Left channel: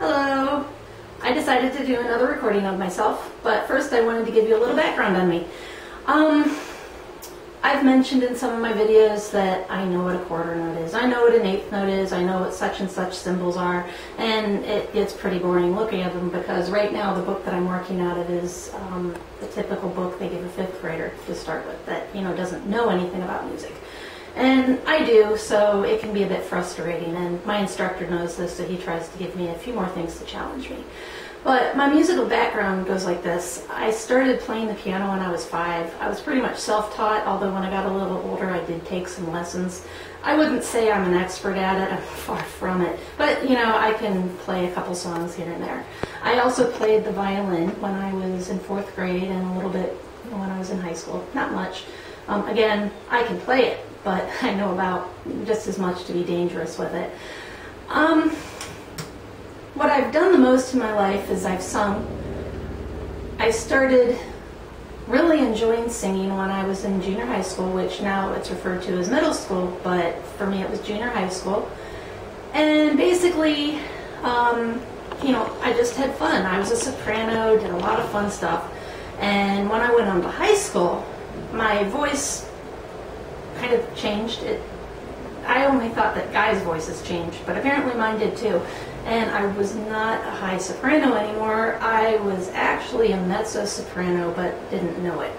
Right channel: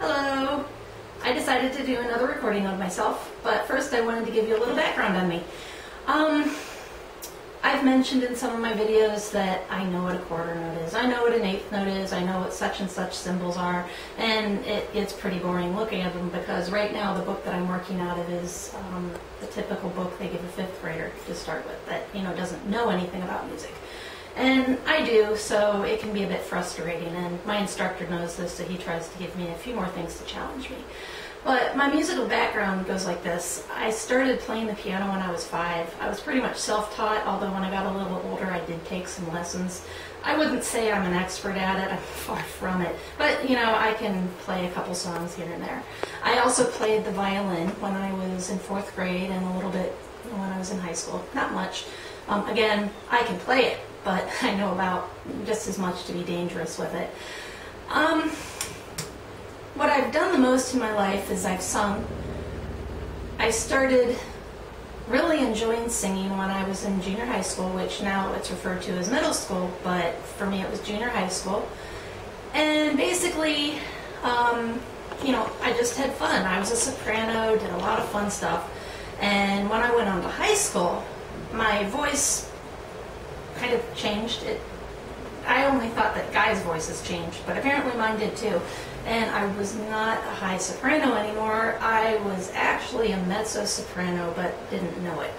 Hello! I decided to do another recording of myself, but first I wanted to give you a little background on me. I've mentioned in some of my videos that I know what a quarter note is, I know what an eighth note is, I know what such and such symbols are, and it's pretty boring looking at them because right now the book that I'm working out of is the typical book they give a fifth grader to start with that, doesn't know anything about music. And I do, so it can be a bit frustrating, and my instructor knows this, so he tries to give me a few more things to challenge me. But my musical background goes like this. I started playing the piano when I was 5. I was pretty much self-taught, although when I got a little older I did take some lessons. I wouldn't say I'm an expert at it, I'm far from it, but I can play a couple songs here and there. I also played the violin when I was in 4th grade and a little bit when I was in high school, not much. Again, I can play it, but I know about just as much to be dangerous with it. What I've done the most in my life is I've sung. I started really enjoying singing when I was in junior high school, which now it's referred to as middle school, but for me it was junior high school. And basically, I just had fun. I was a soprano, did a lot of fun stuff. And when I went on to high school, my voice kind of changed. I only thought that guys' voices changed, but apparently mine did too. And I was not a high soprano anymore. I was actually a mezzo-soprano, but didn't know it.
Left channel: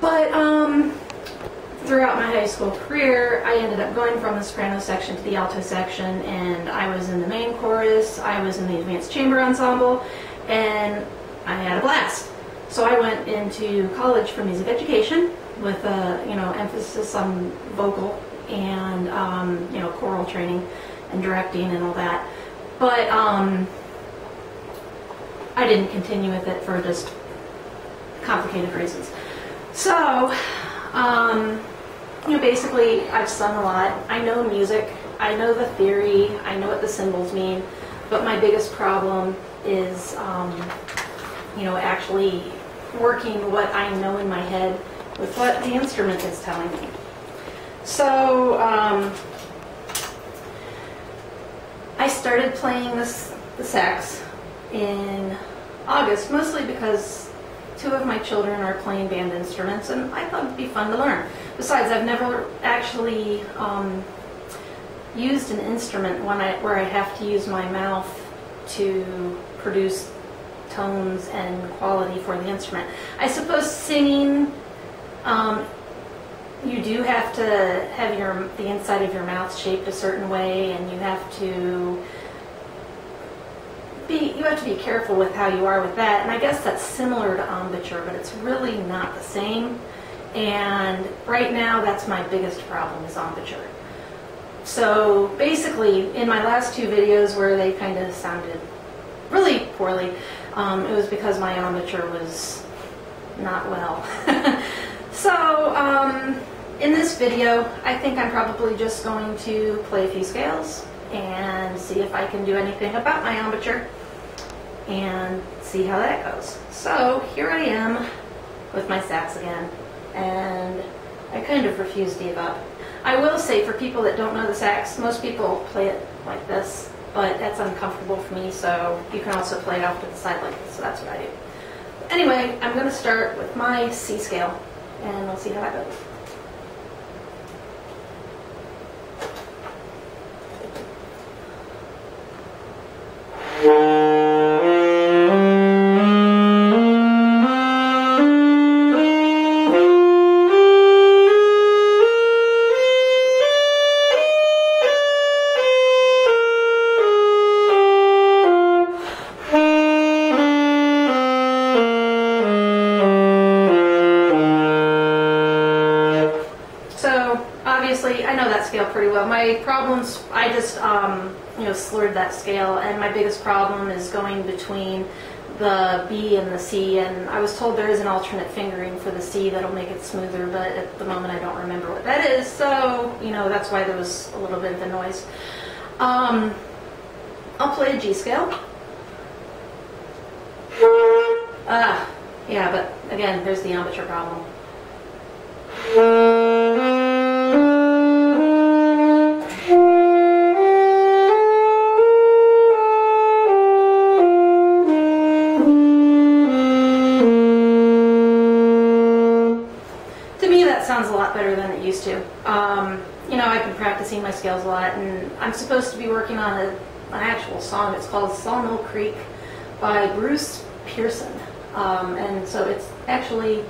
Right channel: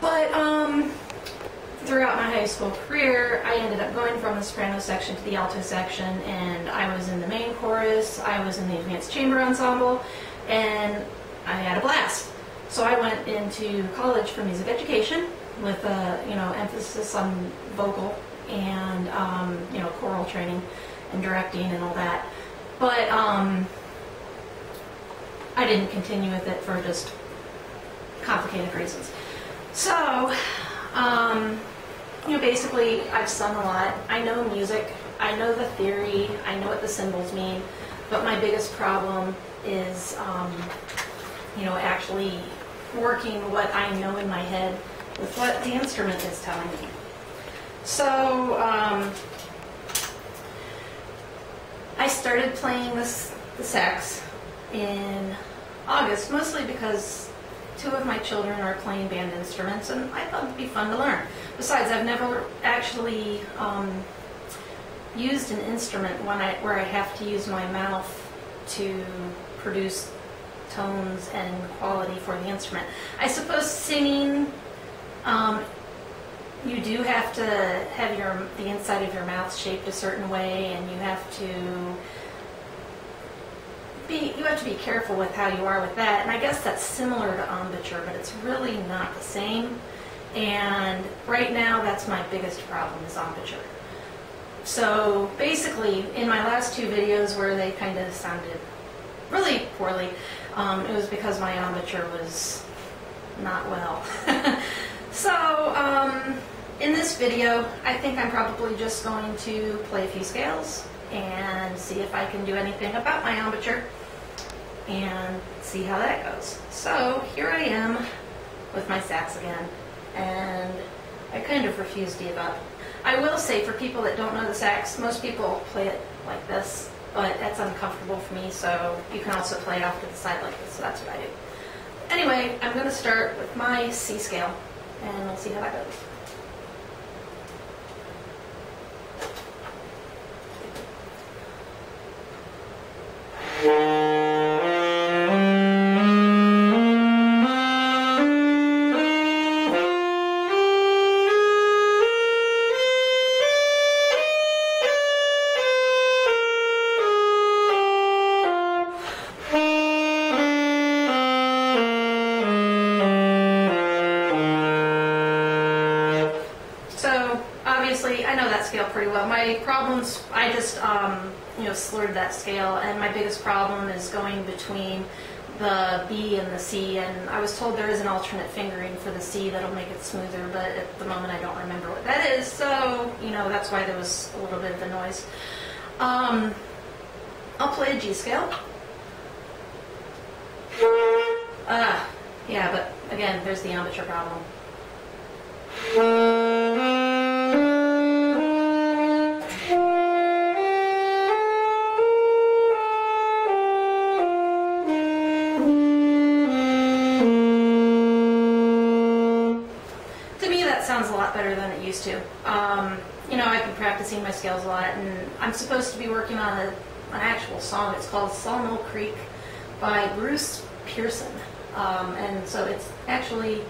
But throughout my high school career, I ended up going from the soprano section to the alto section, and I was in the main chorus, I was in the advanced chamber ensemble, and I had a blast. So I went into college for music education with a emphasis on vocal and choral training and directing and all that. But I didn't continue with it for just complicated reasons. So basically I've sung a lot. I know music, I know the theory, I know what the symbols mean, but my biggest problem is actually working what I know in my head with what the instrument is telling me. So I started playing the sax in August, mostly because 2 of my children are playing band instruments, and I thought it'd be fun to learn. Besides, I've never actually used an instrument where I have to use my mouth to produce tones and quality for the instrument. I suppose singing, you do have to have the inside of your mouth shaped a certain way, and you have to be careful with how you are with that. And I guess that's similar to embouchure, but it's really not the same. And right now, that's my biggest problem is embouchure. So basically, in my last 2 videos where they kind of sounded really poorly, it was because my embouchure was not well. So in this video, I think I'm probably just going to play a few scales and see if I can do anything about my embouchure and see how that goes. So here I am with my sax again, and I kind of refuse to give up. I will say, for people that don't know the sax, most people play it like this, but that's uncomfortable for me, so you can also play it off to the side like this, so that's what I do. Anyway, I'm going to start with my C scale, and we'll see how that goes. I know that scale pretty well. My problems, I just slurred that scale, and my biggest problem is going between the B and the C, and I was told there is an alternate fingering for the C that'll make it smoother, but at the moment I don't remember what that is, so that's why there was a little bit of the noise. I'll play a G scale. Yeah, but again, there's the embouchure problem. used to. You know, I've been practicing my scales a lot, and I'm supposed to be working on an actual song. It's called Sawmill Creek by Bruce Pearson. And so it's actually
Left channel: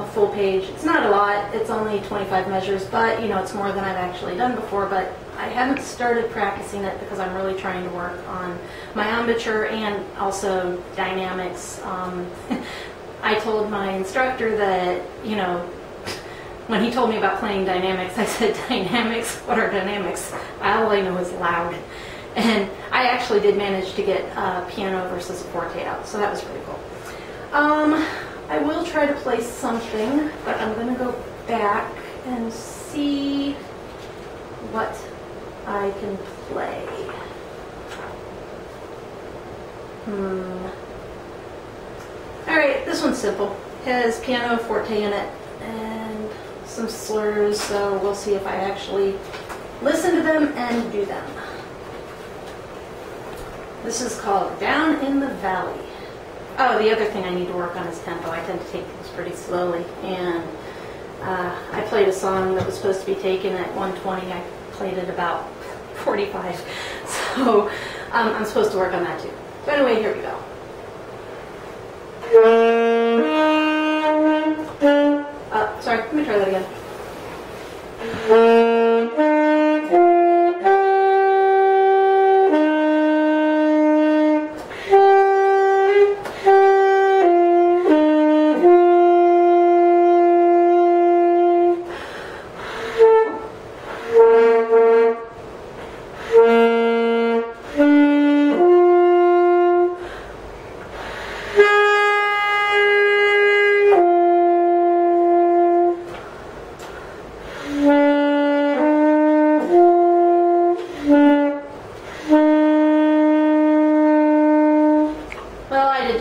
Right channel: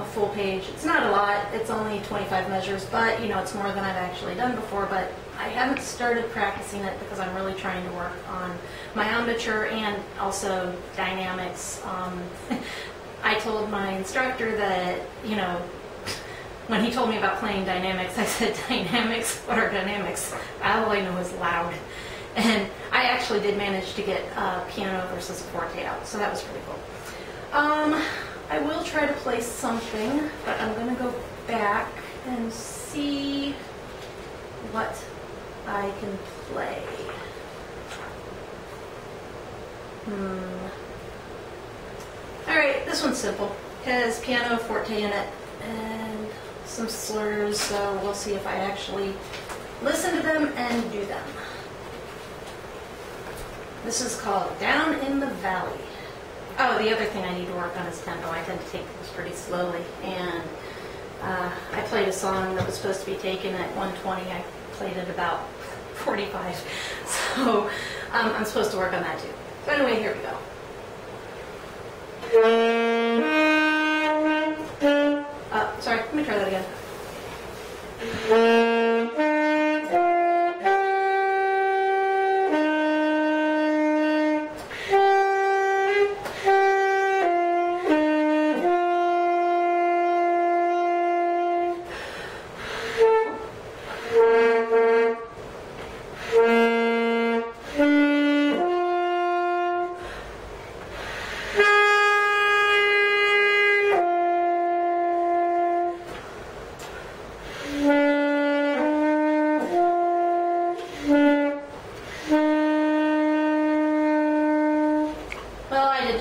a full page. It's not a lot, it's only 25 measures, but you know, it's more than I've actually done before. But I haven't started practicing it because I'm really trying to work on my embouchure and also dynamics. I told my instructor that, you know, when he told me about playing dynamics, I said, dynamics? What are dynamics? All I know is loud. And I actually did manage to get a piano versus a forte out, so that was pretty cool. I will try to play something, but I'm going to go back and see what I can play. Alright, this one's simple. It has piano, forte in it, and some slurs, so we'll see if I actually listen to them and do them. This is called Down in the Valley. Oh, the other thing I need to work on is tempo. I tend to take things pretty slowly, and I played a song that was supposed to be taken at 120. I played it about 45, so I'm supposed to work on that too. So anyway, here we go. Sorry, let me try that again.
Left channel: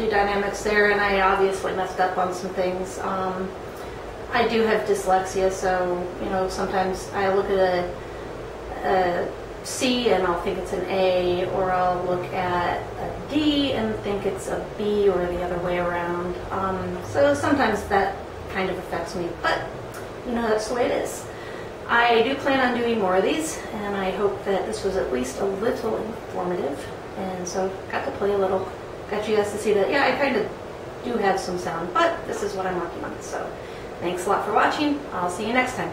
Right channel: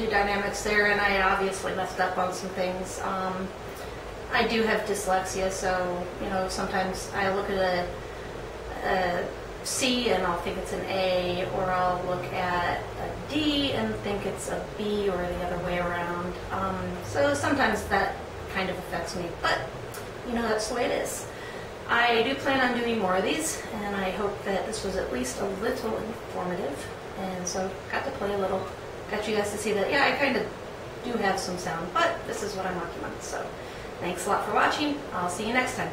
Dynamics there, and I obviously messed up on some things. I do have dyslexia, so you know, sometimes I look at a C and I'll think it's an A, or I'll look at a D and think it's a B, or the other way around. So sometimes that kind of affects me, but you know, that's the way it is. I do plan on doing more of these, and I hope that this was at least a little informative, and so got to play a little. Got you guys to see that, yeah, I kind of do have some sound, but this is what I'm working on. So thanks a lot for watching. I'll see you next time.